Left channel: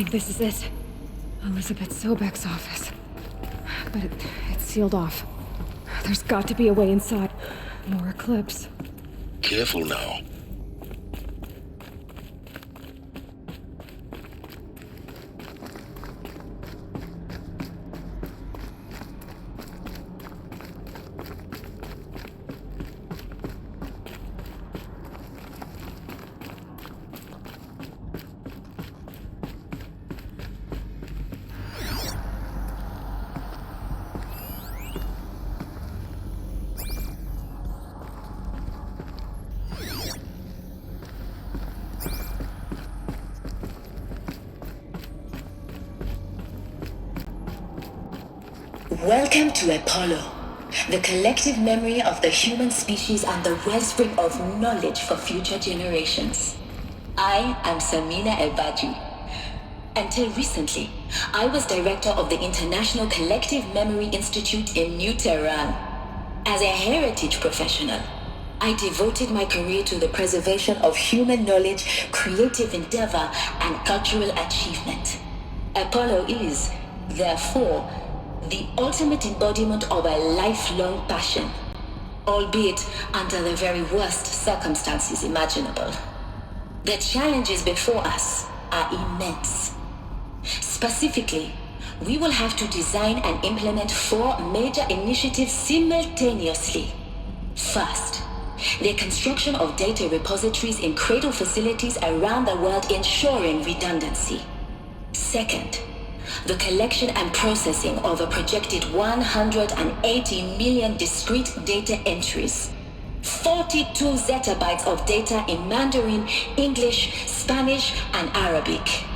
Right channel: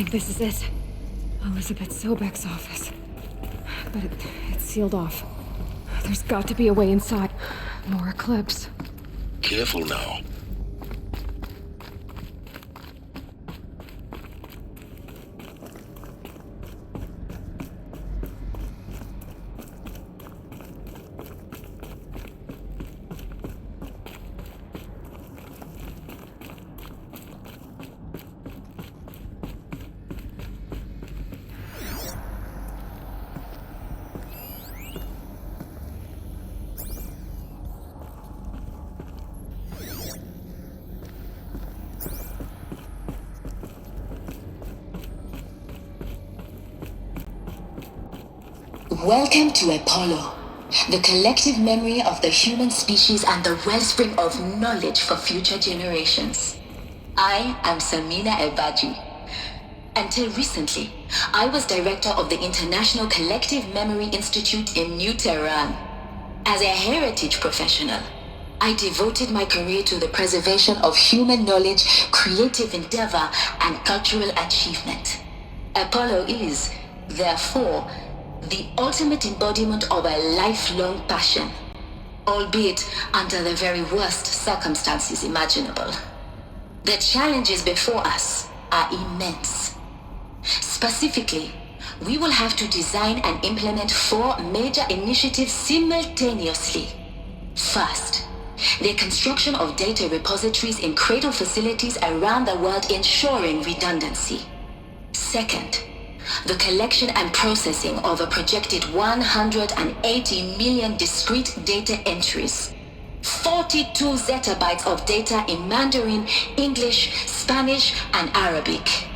think this is it. Elizabeth Sobek's office. But it's sealed off. There's got to be a way inside. More Eclipse. Careful now. Welcome to Apollo, the collective memory of the human species and the wellspring of knowledge for future generations. I am Samina Ebaji. Until recently, I was director of the International Collective Memory Institute in New Tehran. As a heritage professional, I devoted my career to the preservation of human knowledge, creative endeavor, and cultural achievement. Apollo is, therefore, the ultimate embodiment of a lifelong passion, albeit under the very worst circumstances imaginable. The challenges before us are immense. Specifically, we will have to design and implement 4 major initiatives simultaneously. First, the construction of data repositories in cradle facilities around the world ensuring redundancy. Second, the collection and processing of a projected 180 million discrete data entries, 42 zettabytes of data in Mandarin, English, Spanish, and Arabic.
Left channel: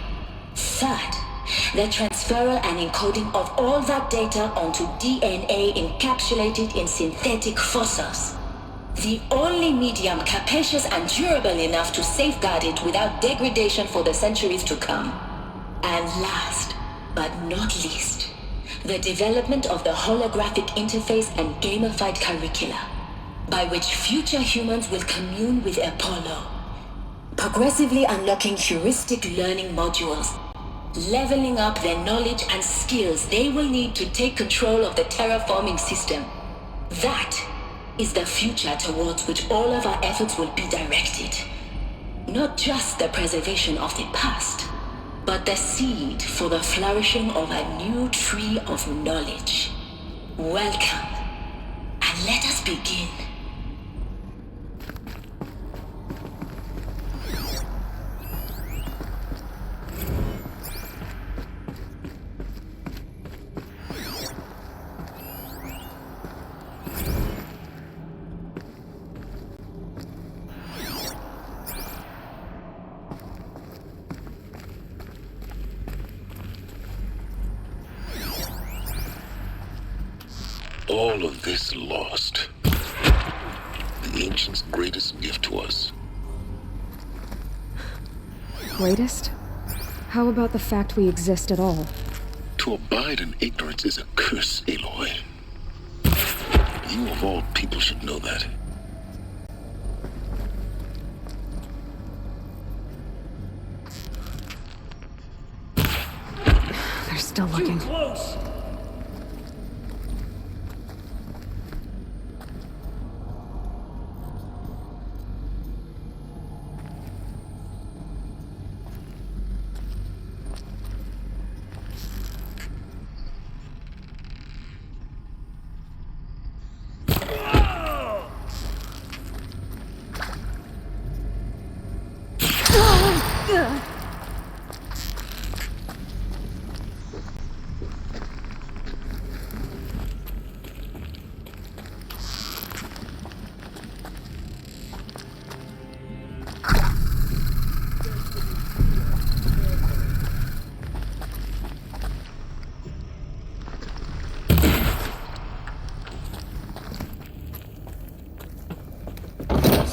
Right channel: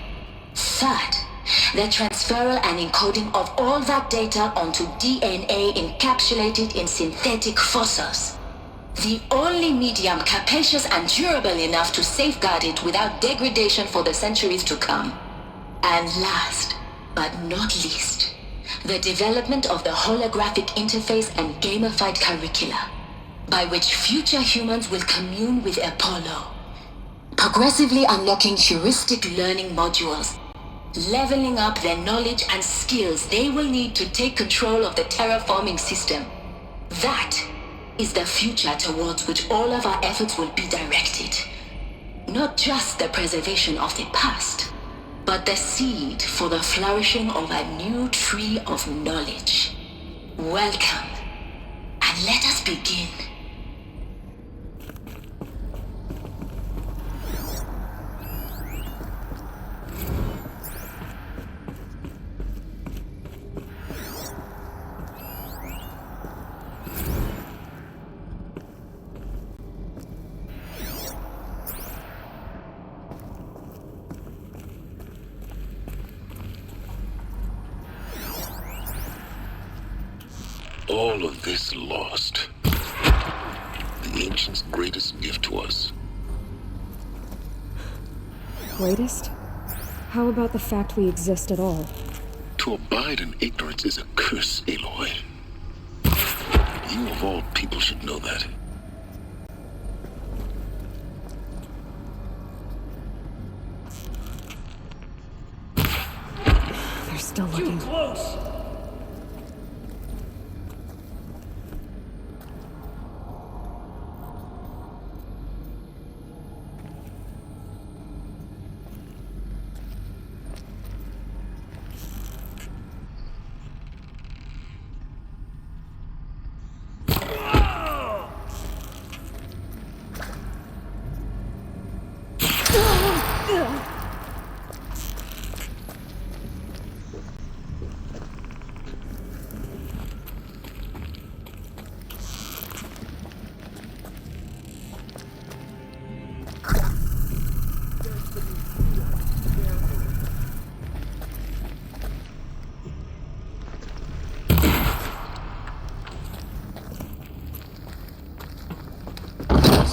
Third, the transferal and encoding of all that data onto DNA encapsulated in synthetic fossils, the only medium capacious and durable enough to safeguard it without degradation for the centuries to come. And last, but not least, the development of the holographic interface and gamified curricula, by which future humans will commune with Apollo, progressively unlocking heuristic learning modules, leveling up their knowledge and skills they will need to take control of the terraforming system. That is the future towards which all of our efforts will be directed. Not just the preservation of the past, but the seed for the flourishing of a new tree of knowledge. Welcome, and let us begin. All of this lost. The ancients' greatest gift to us. Greatest? How about the fact we exist at all? To abide in ignorance is a curse, Aloy. You of all people should know that. They're still looking. Too close!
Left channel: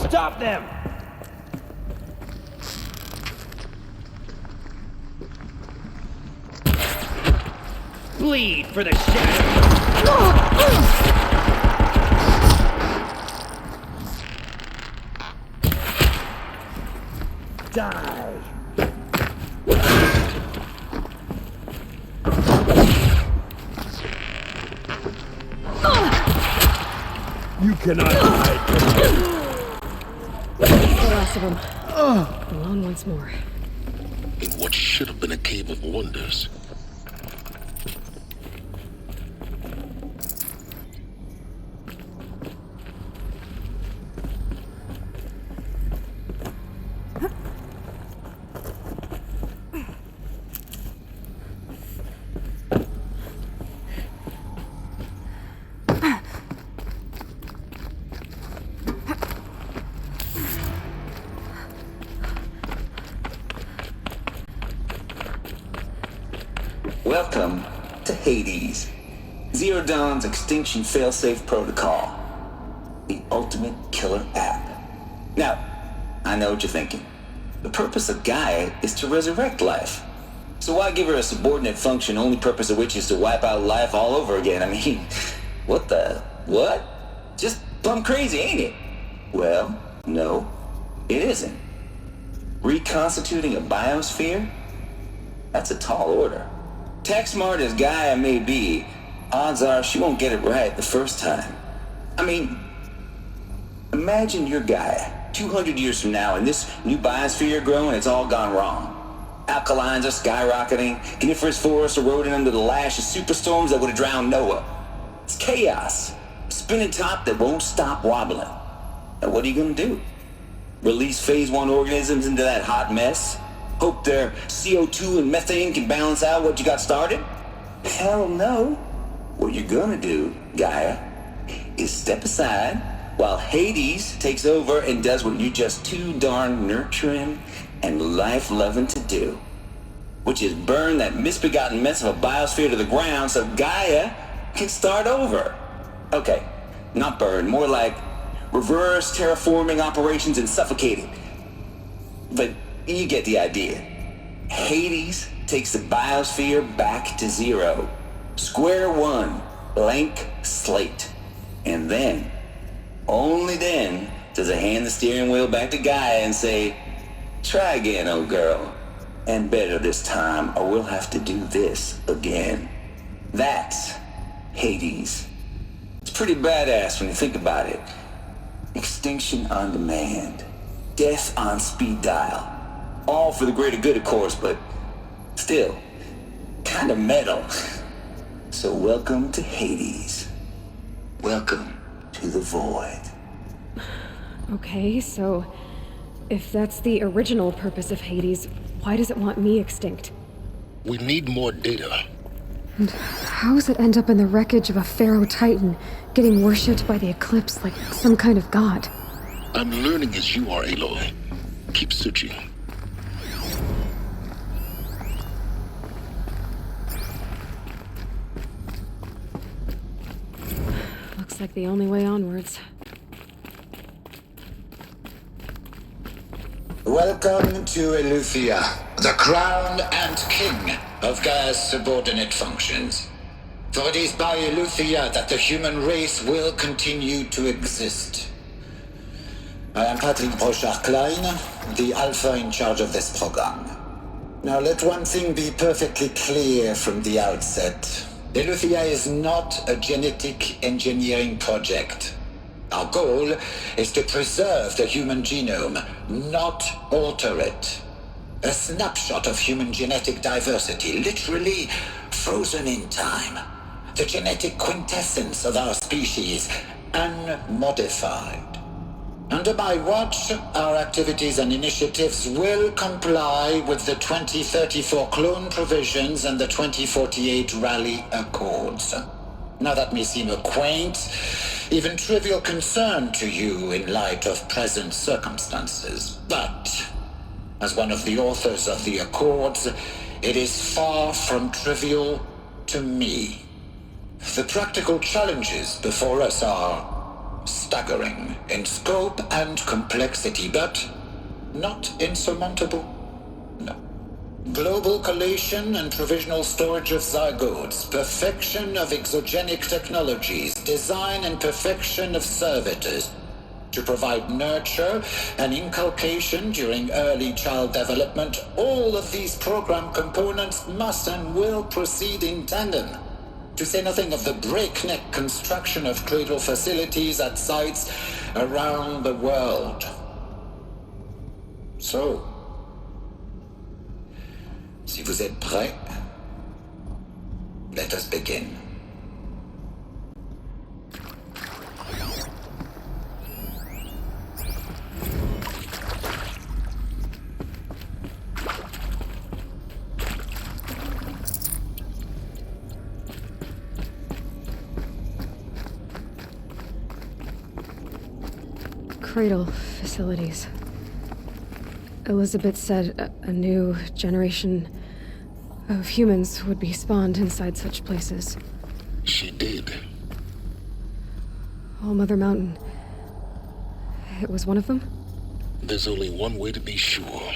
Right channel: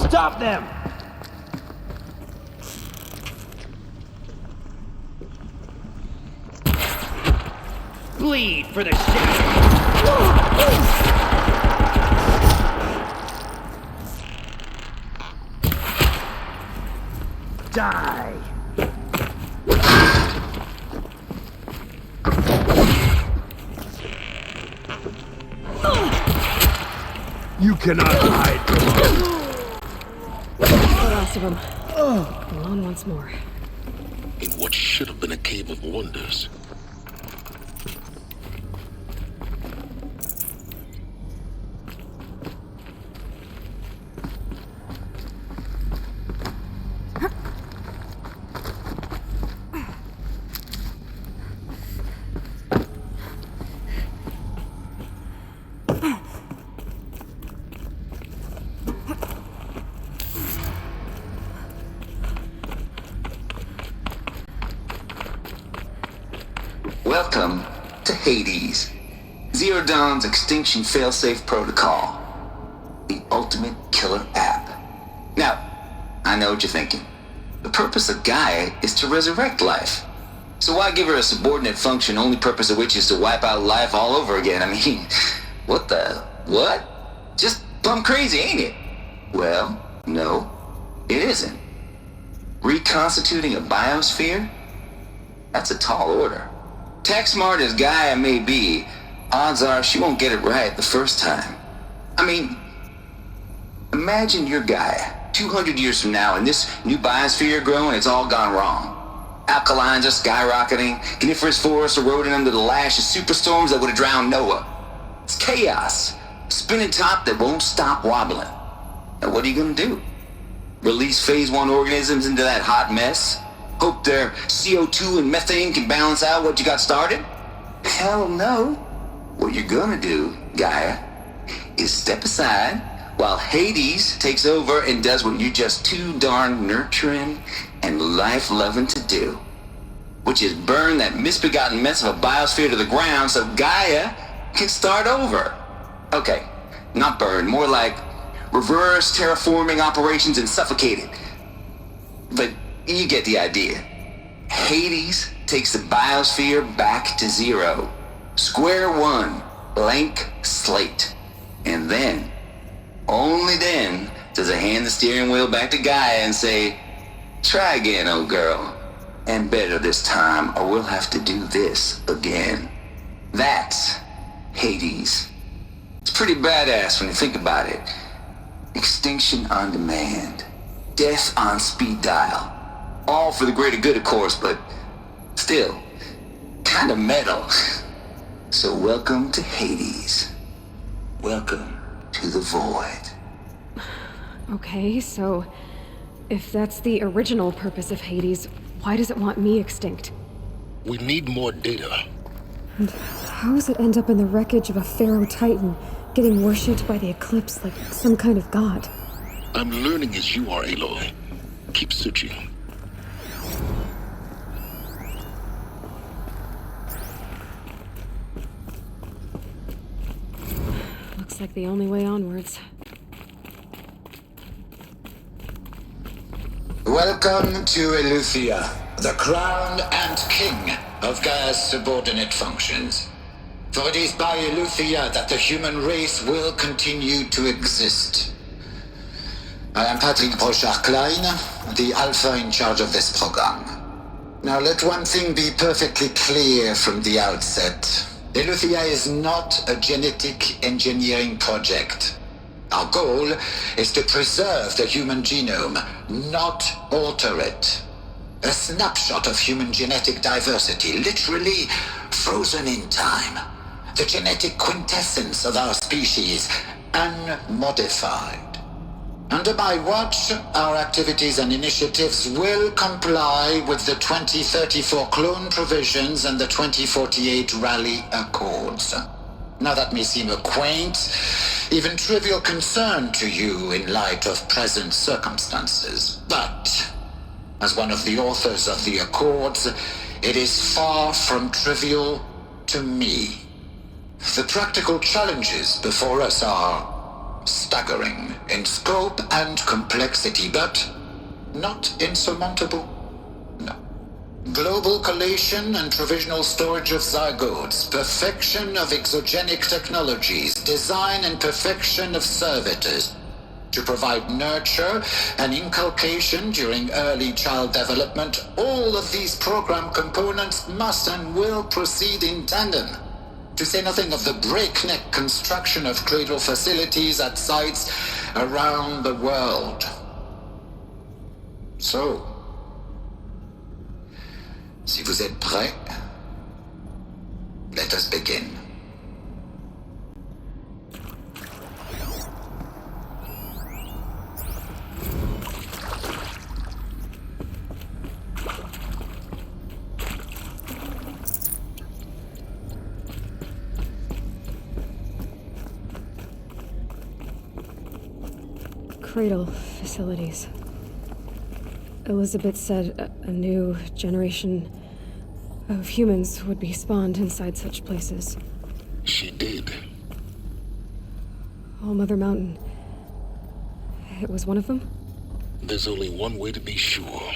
Stop them! Bleed for the shadow! Die! You cannot hide from us. The last of them. Alone once more. In what should have been a cave of wonders. Welcome to Hades, Zero Dawn's extinction failsafe protocol, the ultimate killer app. Now, I know what you're thinking. The purpose of Gaia is to resurrect life. So why give her a subordinate function, only purpose of which is to wipe out life all over again? I mean, what? Just plumb crazy, ain't it? Well, no, it isn't. Reconstituting a biosphere? That's a tall order. Tech smart as Gaia may be, odds are she won't get it right the first time. I mean, imagine you're Gaia, 200 years from now, and this new biosphere you're growing, it's all gone wrong. Alkalines are skyrocketing, coniferous forests eroding under the lash of superstorms that would have drowned Noah. It's chaos, a spinning top that won't stop wobbling. Now what are you gonna do? Release phase 1 organisms into that hot mess? Hope their CO2 and methane can balance out what you got started? Hell no. What you're gonna do, Gaia, is step aside while Hades takes over and does what you're just too darn nurturing and life-loving to do, which is burn that misbegotten mess of a biosphere to the ground so Gaia can start over. Okay, not burn, more like reverse terraforming operations and suffocate it. But you get the idea. Hades takes the biosphere back to zero. Square one, blank slate. And then, only then, does it hand the steering wheel back to Gaia and say, try again, old girl. And better this time, or we'll have to do this again. That's Hades. It's pretty badass when you think about it. Extinction on demand. Death on speed dial. All for the greater good, of course, but still, kind of metal. So welcome to Hades. Welcome to the void. Okay, so if that's the original purpose of Hades, why does it want me extinct? We need more data. And how does it end up in the wreckage of a Pharaoh Titan, getting worshipped by the Eclipse like some kind of god? I'm learning as you are, Aloy. Keep searching. Looks like the only way onwards. Welcome to Eleuthia, the crown and king of Gaia's subordinate functions. For it is by Eleuthia that the human race will continue to exist. I am Patrick Brochard-Klein, the Alpha in charge of this program. Now let one thing be perfectly clear from the outset. Eleuthia is not a genetic engineering project. Our goal is to preserve the human genome, not alter it. A snapshot of human genetic diversity, literally frozen in time. The genetic quintessence of our species, unmodified. Under my watch, our activities and initiatives will comply with the 2034 clone provisions and the 2048 Rally Accords. Now that may seem a quaint, even trivial concern to you in light of present circumstances, but as one of the authors of the Accords, it is far from trivial to me. The practical challenges before us are staggering in scope and complexity, but not insurmountable. No. Global collation and provisional storage of zygotes, perfection of exogenic technologies, design and perfection of servitors to provide nurture and inculcation during early child development. All of these program components must and will proceed in tandem. To say nothing of the breakneck construction of cradle facilities at sites around the world. So, si vous êtes prêts, let us begin. Cradle facilities. Elizabeth said a new generation of humans would be spawned inside such places. She did. All Mother Mountain. It was one of them? There's only one way to be sure.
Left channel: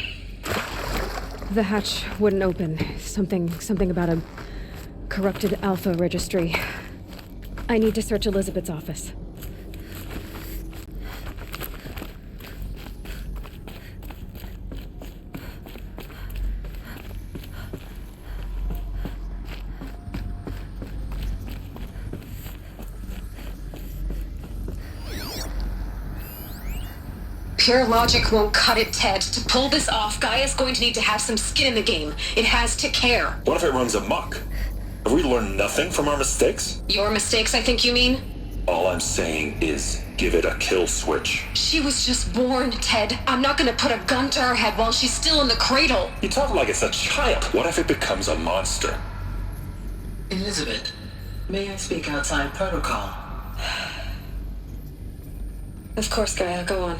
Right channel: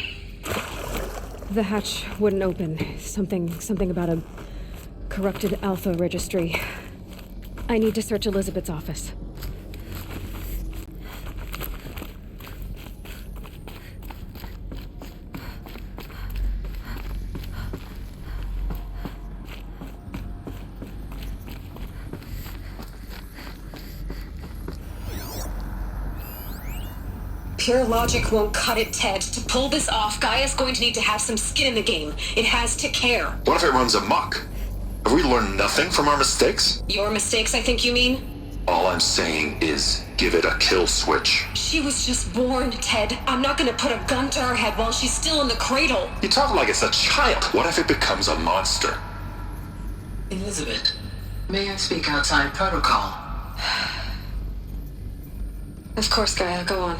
The hatch wouldn't open. Something about a corrupted Alpha registry. I need to search Elizabeth's office. Pure logic won't cut it, Ted. To pull this off, Gaia's going to need to have some skin in the game. It has to care. What if it runs amok? Have we learned nothing from our mistakes? Your mistakes, I think you mean? All I'm saying is give it a kill switch. She was just born, Ted. I'm not gonna put a gun to her head while she's still in the cradle. You talk like it's a child. What if it becomes a monster? Elizabeth, may I speak outside protocol? Of course, Gaia, go on.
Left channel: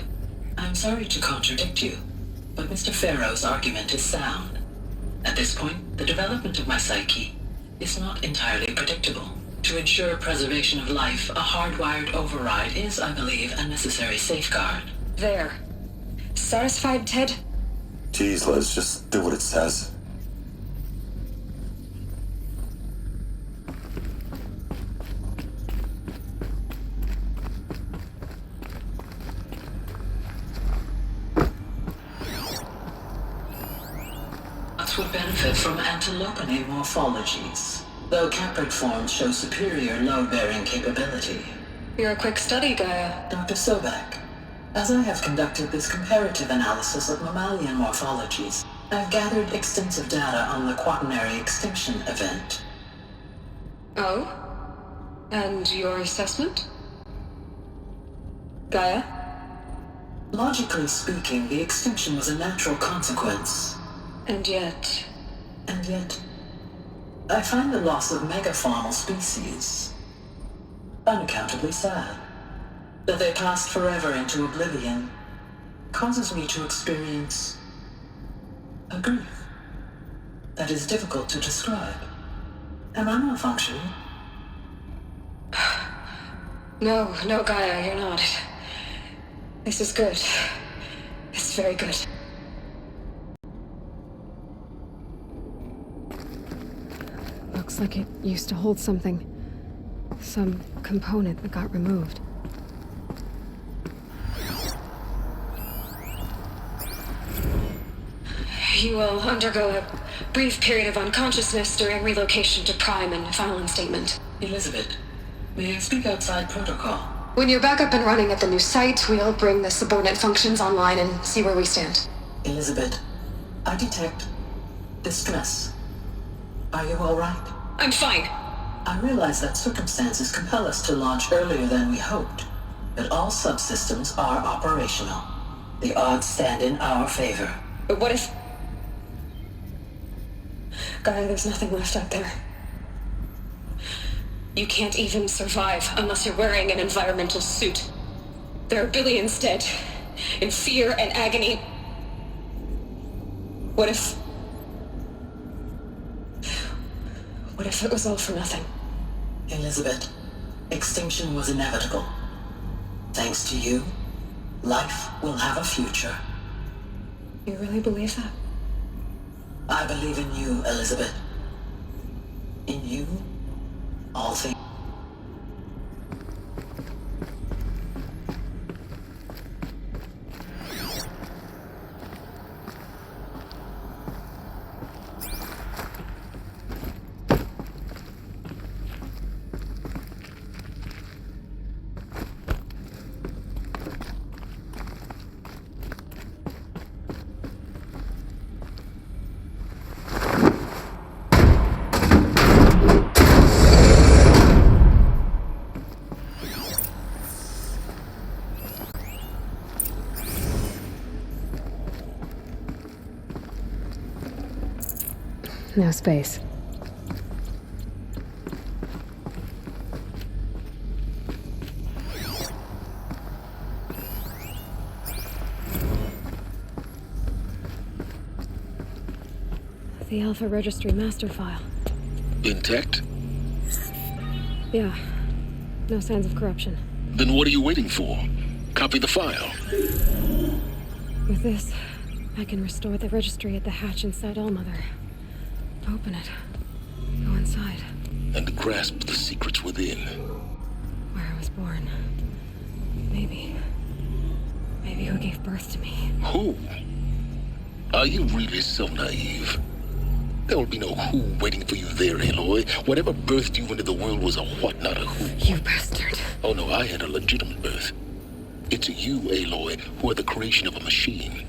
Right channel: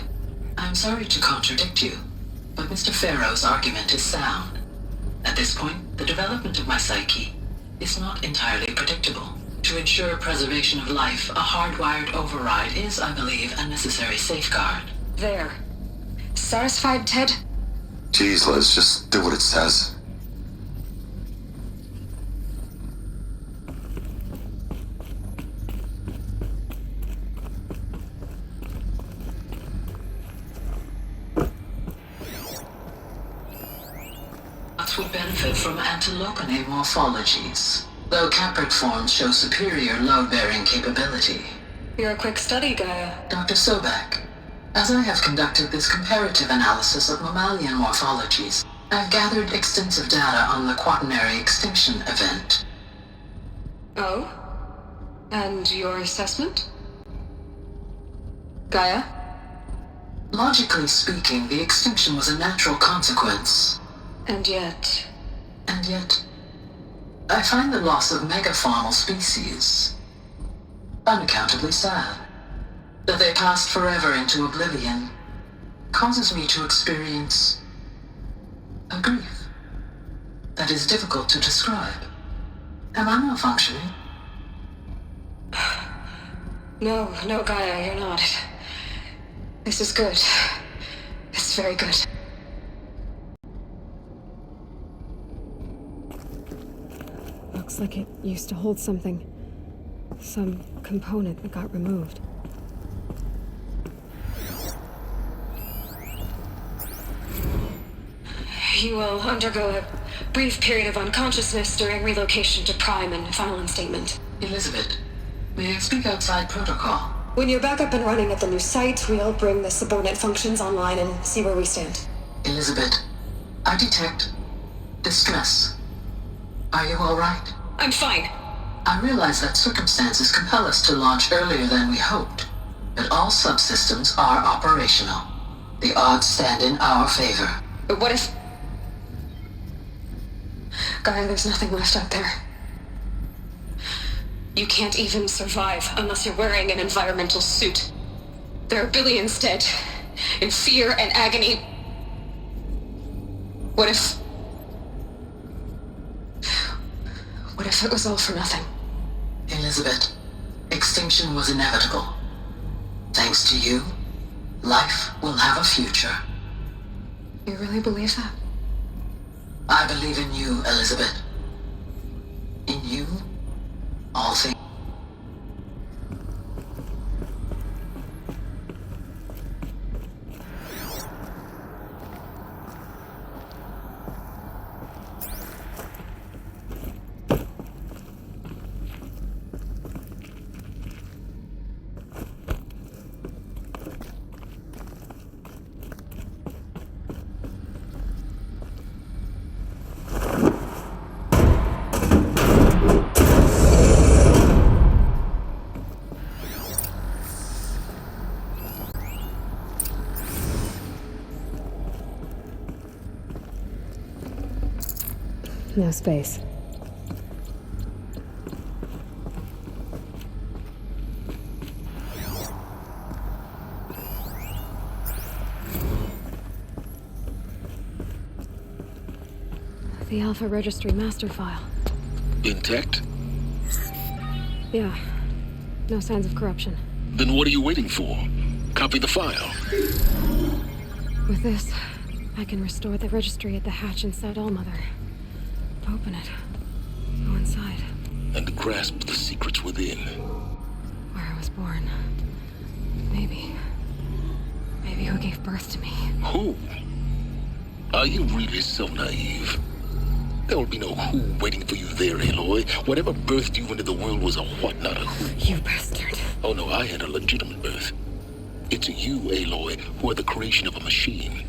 I'm sorry to contradict you, but Mr. Farrow's argument is sound. At this point, the development of my psyche is not entirely predictable. To ensure preservation of life, a hardwired override is, I believe, a necessary safeguard. There. Satisfied, Ted? Jeez, Liz, just do what it says. Would benefit from antilopine morphologies, though caprid forms show superior load-bearing capability. You're a quick study, Gaia. Dr. Sobek, as I have conducted this comparative analysis of mammalian morphologies, I've gathered extensive data on the quaternary extinction event. Oh? And your assessment? Gaia? Logically speaking, the extinction was a natural consequence. And yet, I find the loss of megafaunal species unaccountably sad. That they passed forever into oblivion causes me to experience a grief that is difficult to describe. Am I malfunctioning? No, Gaia, you're not. This is good. It's very good. Looks like it used to hold something. Some component that got removed. You will undergo a brief period of unconsciousness during relocation to Prime and final instatement. Elizabeth, may I speak outside protocol? When you're back up and running at the new site, we'll bring the subordinate functions online and see where we stand. Elizabeth, I detect distress. Are you all right? I'm fine. I realize that circumstances compel us to launch earlier than we hoped, but all subsystems are operational. The odds stand in our favor. But what if... Gaia, there's nothing left out there. You can't even survive unless you're wearing an environmental suit. There are billions dead, in fear and agony. What if it was all for nothing? Elizabeth, extinction was inevitable. Thanks to you, life will have a future. You really believe that? I believe in you, Elizabeth. In you, all things. No space. The Alpha Registry master file. Intact? Yeah. No signs of corruption. Then what are you waiting for? Copy the file. With this, I can restore the registry at the hatch inside Allmother. Open it. Go inside. And grasp the secrets within. Where I was born. Maybe who gave birth to me. Who? Are you really so naive? There will be no who waiting for you there, Aloy. Whatever birthed you into the world was a what, not a who. You bastard. Oh no, I had a legitimate birth. It's you, Aloy, who are the creation of a machine.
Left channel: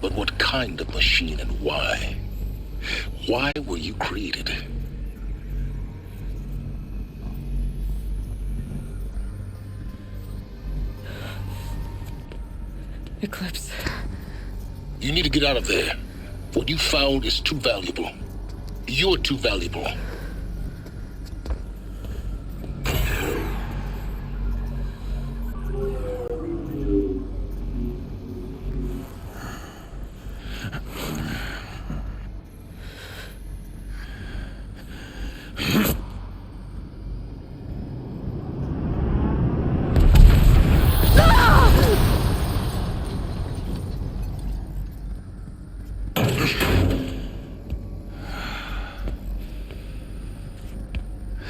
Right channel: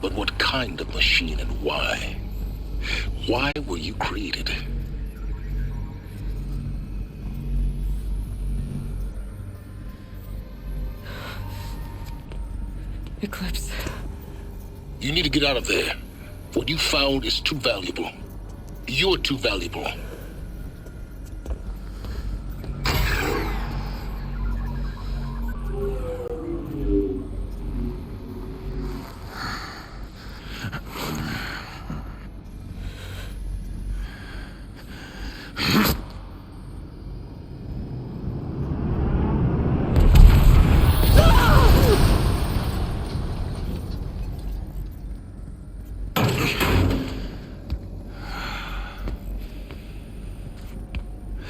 But what kind of machine and why? Why were you created? Eclipse. You need to get out of there. What you found is too valuable. You're too valuable.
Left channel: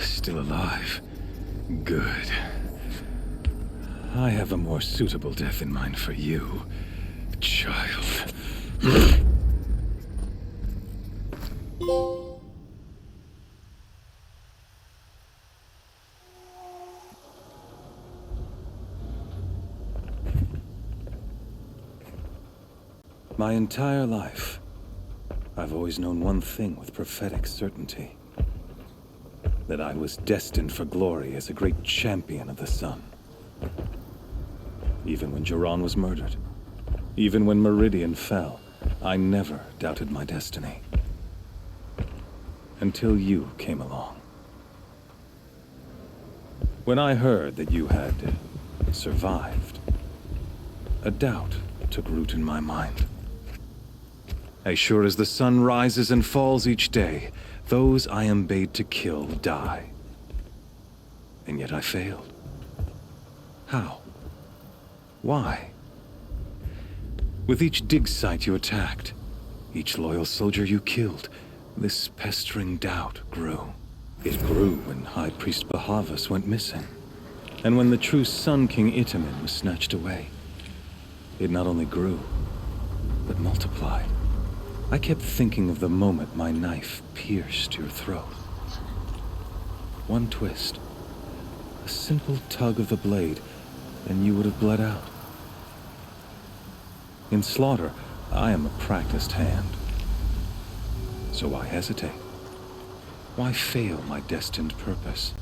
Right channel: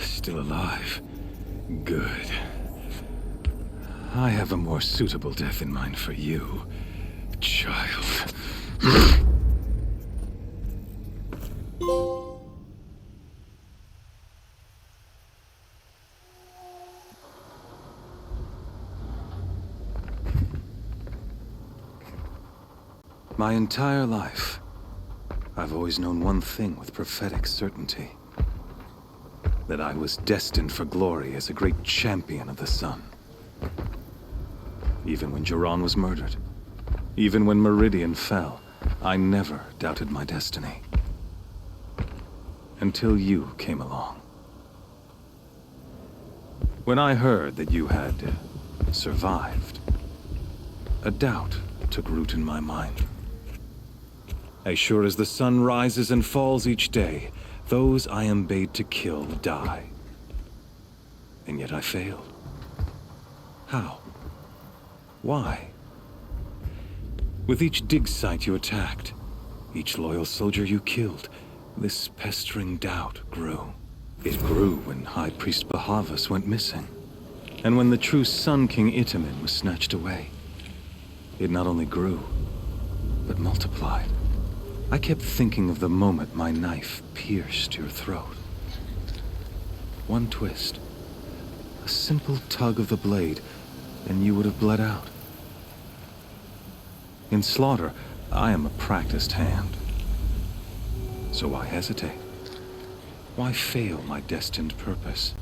Still alive. Good. I have a more suitable death in mind for you, child. My entire life, I've always known one thing with prophetic certainty. That I was destined for glory as a great champion of the sun. Even when Jiran was murdered, even when Meridian fell, I never doubted my destiny. Until you came along. When I heard that you had survived, a doubt took root in my mind. As sure as the sun rises and falls each day, those I am bade to kill die. And yet I failed. How? Why? With each dig site you attacked, each loyal soldier you killed, this pestering doubt grew. It grew when High Priest Bahavas went missing, and when the true Sun King Itamen was snatched away. It not only grew, but multiplied. I kept thinking of the moment my knife pierced your throat. One twist, a simple tug of the blade, and you would have bled out. In slaughter, I am a practiced hand. So why hesitate? Why fail my destined purpose?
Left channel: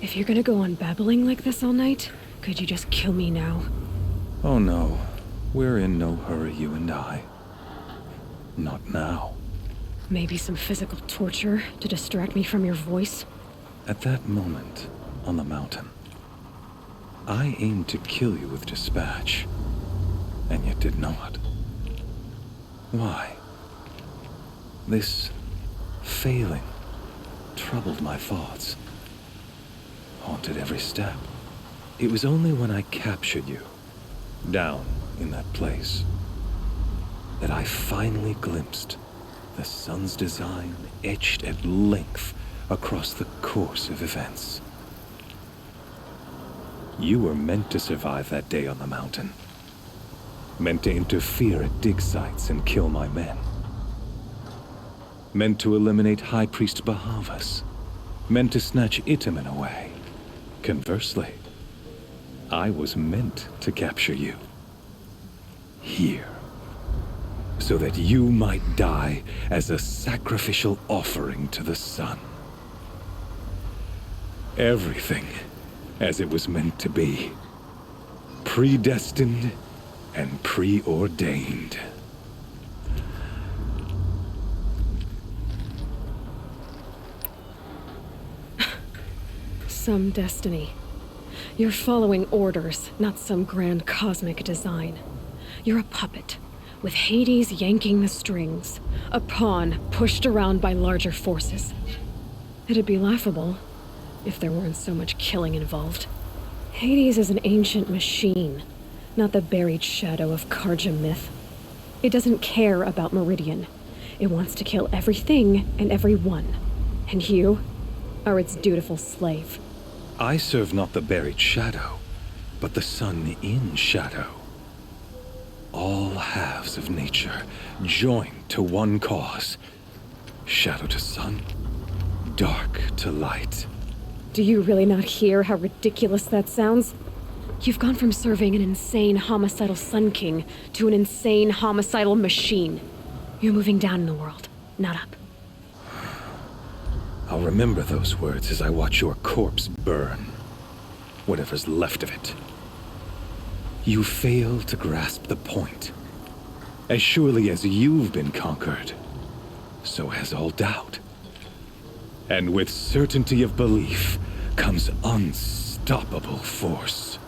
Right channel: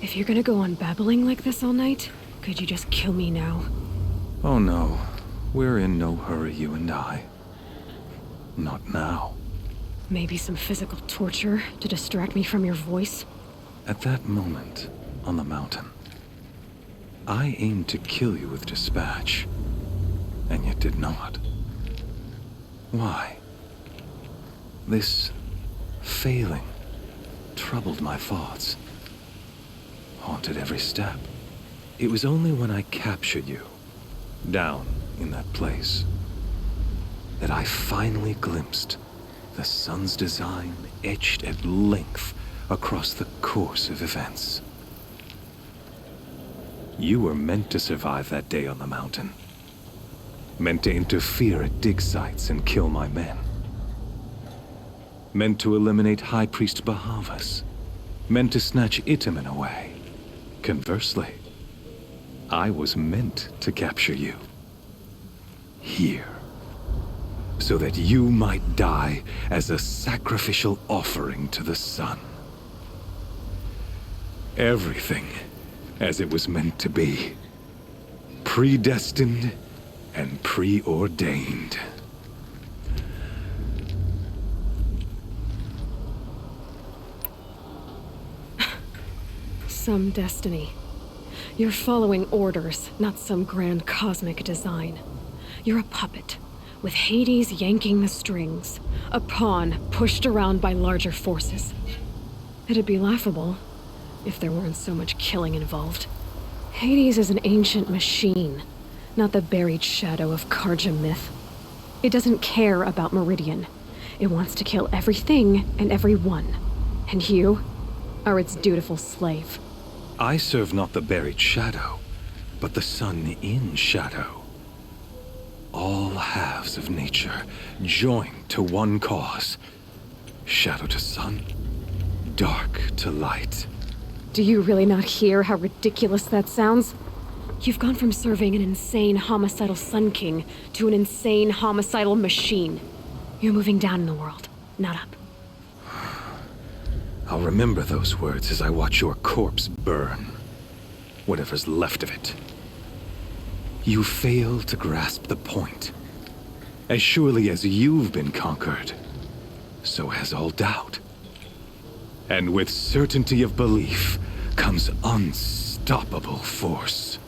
If you're gonna go on babbling like this all night, could you just kill me now? Oh no, we're in no hurry, you and I. Not now. Maybe some physical torture to distract me from your voice? At that moment, on the mountain, I aimed to kill you with dispatch, and yet did not. Why? This failing troubled my thoughts, haunted every step. It was only when I captured you, down in that place, that I finally glimpsed the sun's design etched at length across the course of events. You were meant to survive that day on the mountain. Meant to interfere at dig sites and kill my men. Meant to eliminate High Priest Bahavas. Meant to snatch Itamen away. Conversely, I was meant to capture you. Here. So that you might die as a sacrificial offering to the sun. Everything as it was meant to be. Predestined and preordained. Some destiny. You're following orders, not some grand cosmic design. You're a puppet, with Hades yanking the strings, a pawn pushed around by larger forces. It'd be laughable if there weren't so much killing involved. Hades is an ancient machine, not the buried shadow of Karja myth. It doesn't care about Meridian. It wants to kill everything and everyone. And you are its dutiful slave. I serve not the buried shadow, but the sun in shadow. All halves of nature joined to one cause. Shadow to sun, dark to light. Do you really not hear how ridiculous that sounds? You've gone from serving an insane homicidal Sun King to an insane homicidal machine. You're moving down in the world, not up. I'll remember those words as I watch your corpse burn. Whatever's left of it. You fail to grasp the point. As surely as you've been conquered, so has all doubt. And with certainty of belief comes unstoppable force.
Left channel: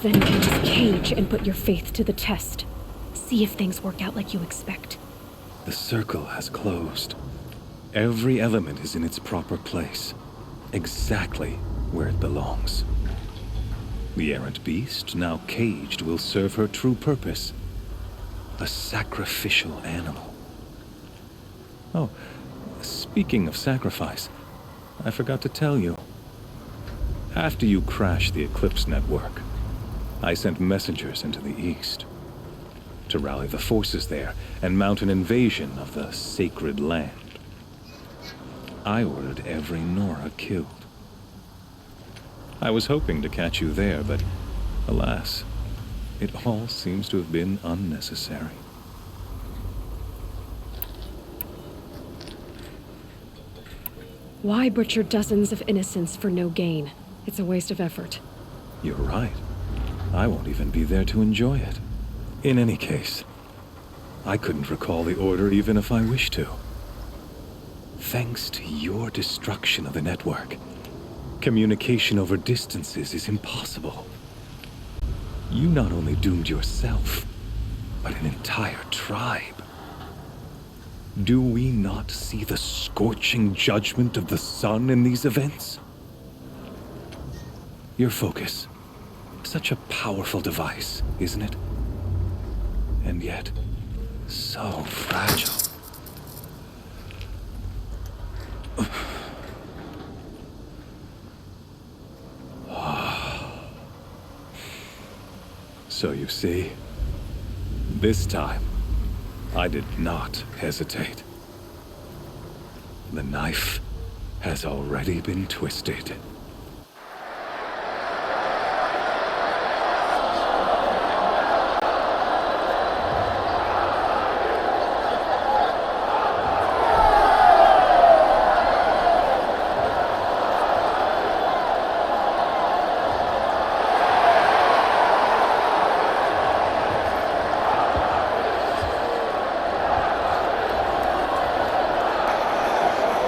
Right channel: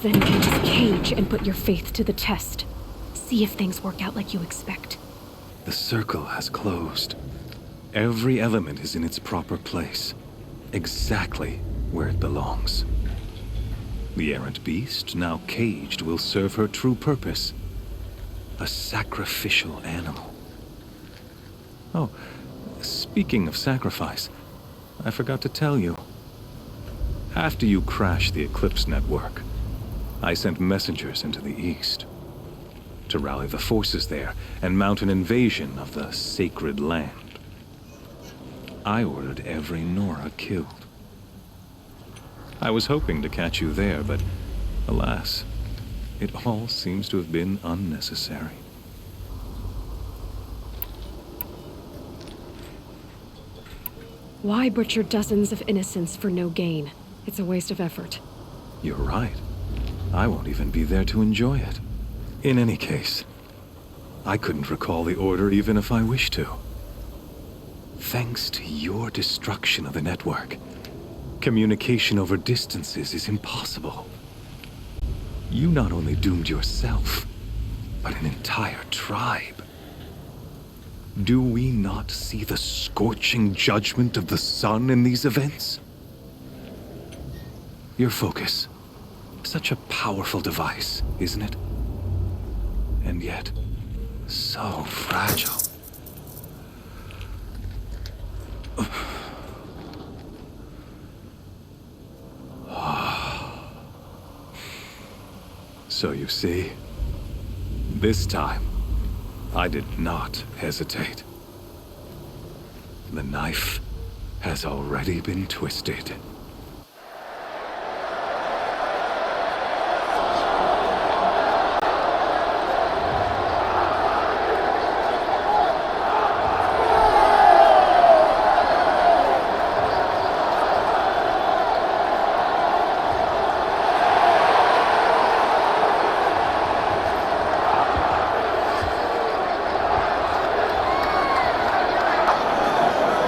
Then get his cage and put your faith to the test. See if things work out like you expect. The circle has closed. Every element is in its proper place, exactly where it belongs. The errant beast, now caged, will serve her true purpose. A sacrificial animal. Oh, speaking of sacrifice, I forgot to tell you. After you crashed the Eclipse network, I sent messengers into the east to rally the forces there and mount an invasion of the sacred land. I ordered every Nora killed. I was hoping to catch you there, but alas, it all seems to have been unnecessary. Why butcher dozens of innocents for no gain? It's a waste of effort. You're right. I won't even be there to enjoy it. In any case, I couldn't recall the order even if I wished to. Thanks to your destruction of the network, communication over distances is impossible. You not only doomed yourself, but an entire tribe. Do we not see the scorching judgment of the sun in these events? Your focus. Such a powerful device, isn't it? And yet, so fragile. So you see, this time, I did not hesitate. The knife has already been twisted.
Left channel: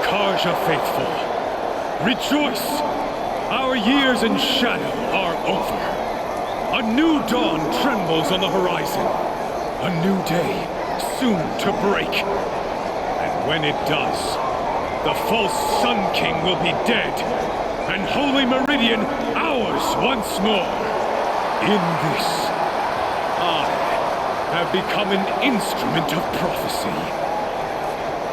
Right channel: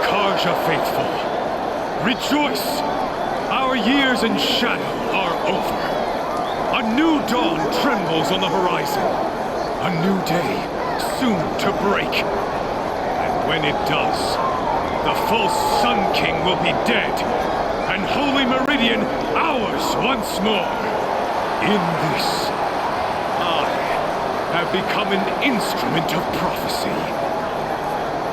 Karja faithful, rejoice! Our years in shadow are over. A new dawn trembles on the horizon. A new day soon to break. And when it does, the false Sun King will be dead, and Holy Meridian ours once more. In this, I have become an instrument of prophecy.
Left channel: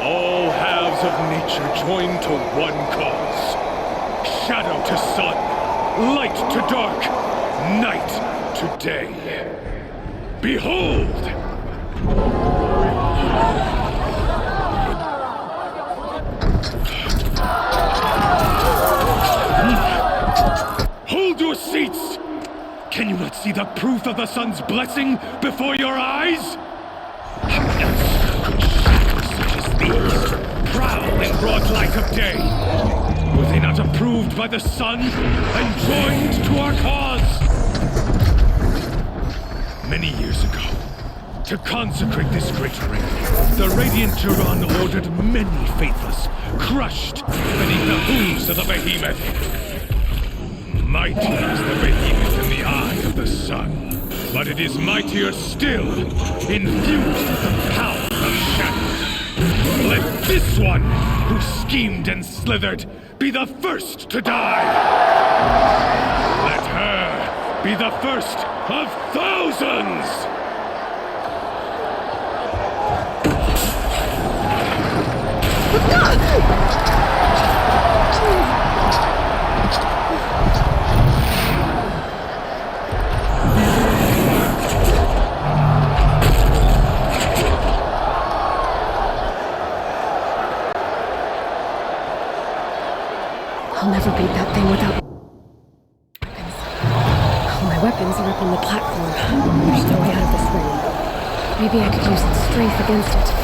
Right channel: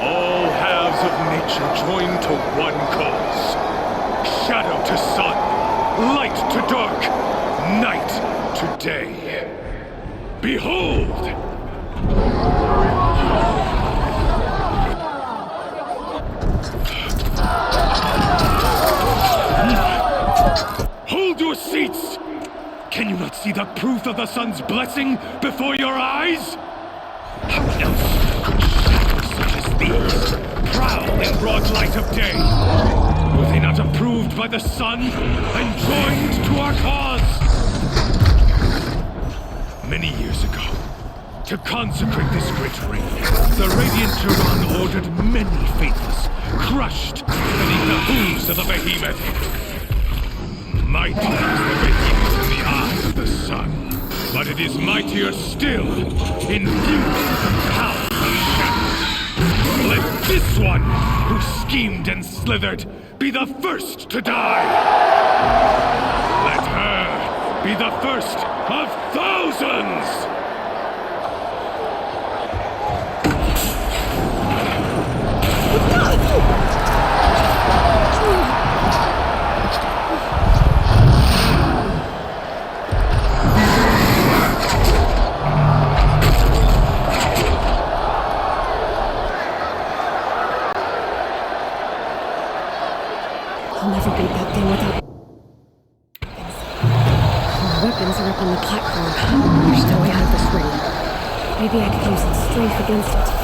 All halves of nature join to one cause. Shadow to sun, light to dark, night to day. Behold! Hold your seats! Can you not see the proof of the sun's blessing before your eyes? How else could shadows such as these prowl in broad light of day? Were they not approved by the sun and joined to our cause? Many years ago, to consecrate this great ring, the Radiant Turon ordered many faithless, crushed beneath the hooves of the behemoth. Mighty is the behemoth in the eye of the sun, but it is mightier still, infused with the power of shadows. Let this one, who schemed and slithered, be the first to die! Let her be the first of thousands! I'll never beat that thing without my weapons are up on the platform. There's no way out of this ring. Maybe I could use its strength against it.